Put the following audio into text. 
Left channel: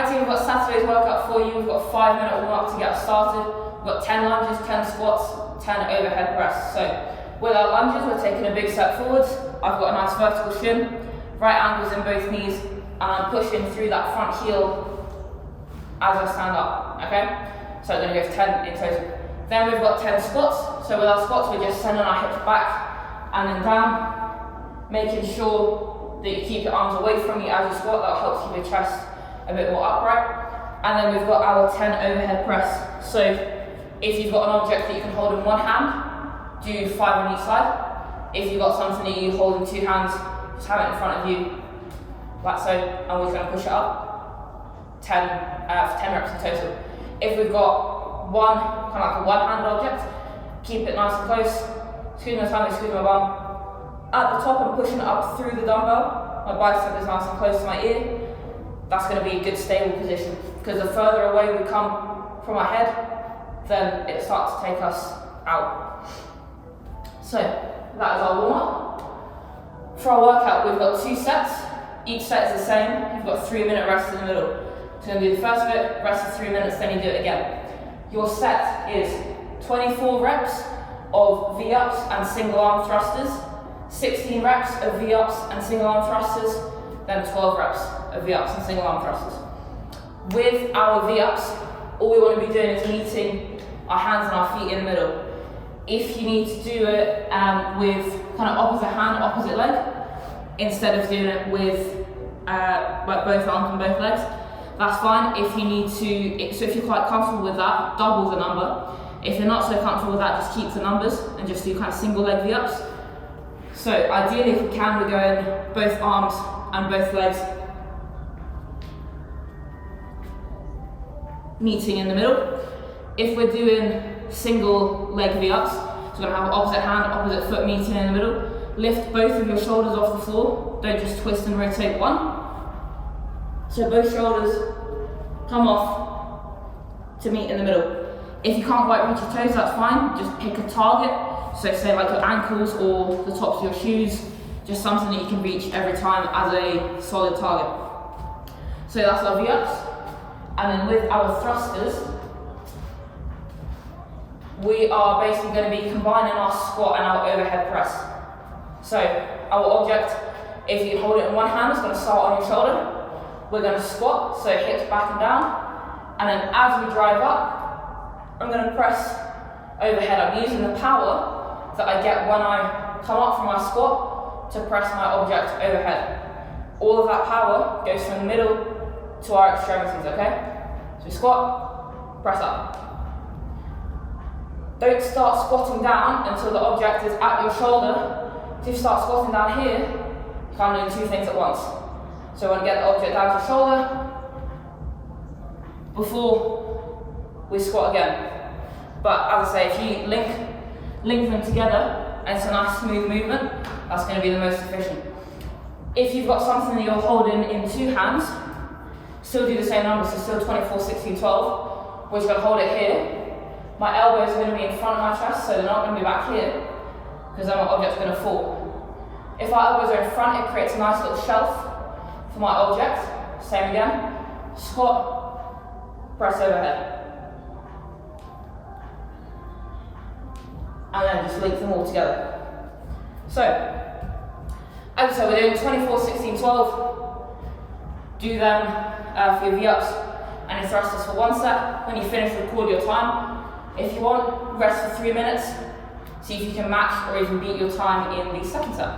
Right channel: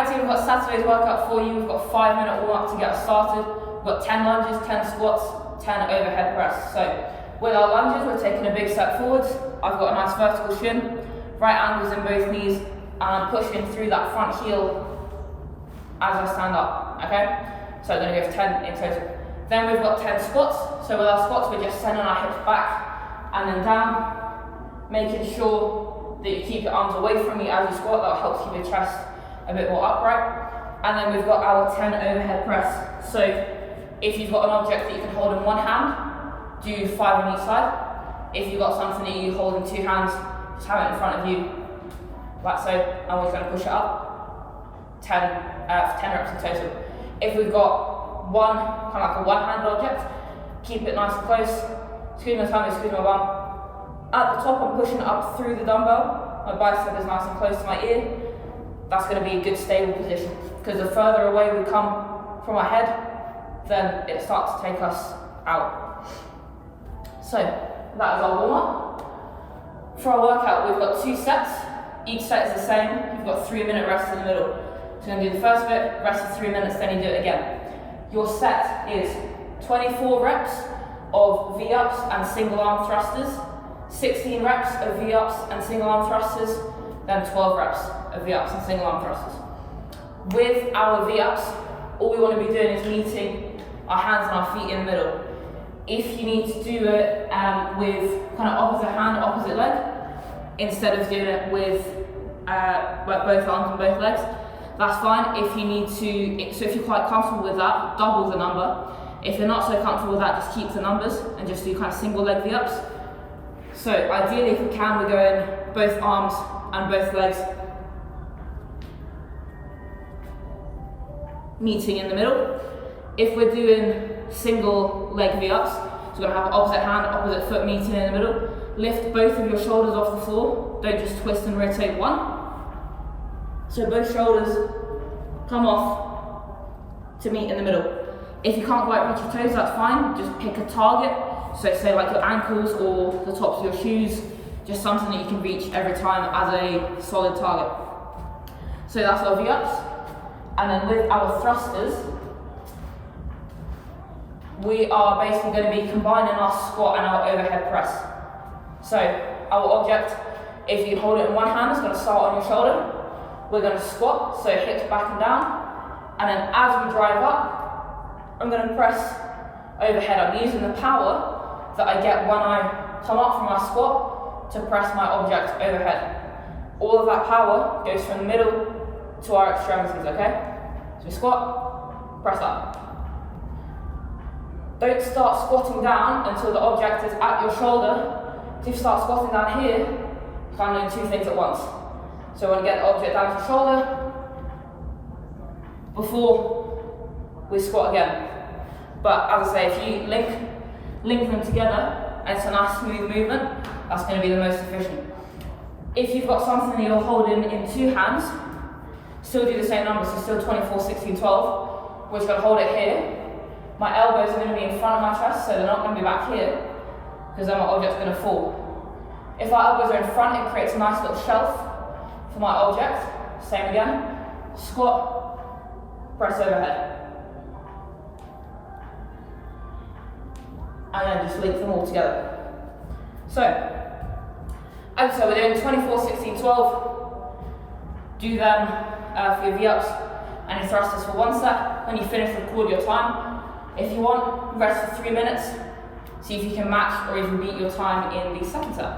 Actually, we've got Saturday's workout for you. We've got a 5-minute warm-up to get us started. We've got 10 lunges, 10 squats, 10 overhead press. So with our lunges, we're taking a big step forwards. I've got a nice vertical shin, right angles in both knees, and I'm pushing through that front heel as I stand up, okay? So I'm gonna go for 10 in total. Then we've got 10 squats. So with our squats, we're just sending our hips back and then down, making sure that you keep your arms away from you as you squat. That helps keep your chest a bit more upright. And then we've got our 10 overhead press. So if you've got an object that you can hold in one hand, do 5 on each side. If you've got something that you hold in 2 hands, just have it in front of you, like so, and we're just going to push it up. 10 reps in total. If we've got one, kind of like a one-handed object, keep it nice and close. Squeeze my tummy, squeeze my bum. At the top, I'm pushing it up through the dumbbell. My bicep is nice and close to my ear. That's going to be a good stable position, because the further away we come from our head, then it starts to take us out. So that is our warm-up. For our workout, we've got 2 sets. Each set is the same. You've got 3-minute rest in the middle. So you're going to do the first bit, rest for 3 minutes, then you do it again. Your set is 24 reps of V-ups and single arm thrusters, 16 reps of V-ups and single arm thrusters, then 12 reps of V-ups and single arm thrusters. With our V-ups, all we want to be doing is meeting our hands and our feet in the middle. If you need to do it with kind of opposite hand, opposite leg, instead of doing it with both arms and both legs, that's fine. If you need to, so if you're quite comfortable with that, double the number. If you're not so comfortable with that, just keep the numbers and just do kind of single leg V-ups. So ideally, if we can, we go in both arms and both legs, meeting in the middle. If we're doing single leg V-ups, so we're gonna have opposite hand, opposite foot meeting in the middle. Lift both of your shoulders off the floor. Don't just twist and rotate one. So both shoulders come off to meet in the middle. If you can't quite reach your toes, that's fine. Just pick a target. So say like your ankles or the tops of your shoes, just something that you can reach every time as a solid target. So that's our V-ups. And then with our thrusters, we are basically going to be combining our squat and our overhead press. So our object, if you hold it in one hand, it's going to start on your shoulder. We're going to squat, so hips back and down. And then as we drive up, I'm going to press overhead. I'm using the power that I get when I come up from my squat to press my object overhead. All of that power goes from the middle to our extremities, okay? So we squat, press up. Don't start squatting down until the object is at your shoulder. If you start squatting down here, you can't do 2 things at once. So we want to get the object down to your shoulder before we squat again. But as I say, if you link them together and it's a nice smooth movement, that's going to be the most efficient. If you've got something that you're holding in 2 hands, still do the same number, so still 24, 16, 12. We're just going to hold it here. My elbows are going to be in front of my chest, so they're not going to be back here, because then my object's going to fall. If our elbows are in front, it creates a nice little shelf for my object. Same again. Squat, press overhead. And then just link them all together. So, as I said, we're doing 24, 16, 12. Do them for your V-ups and your thrusters for 1 set. When you finish, record your time. If you want, rest for 3 minutes. See if you can match or even beat your time in the second set.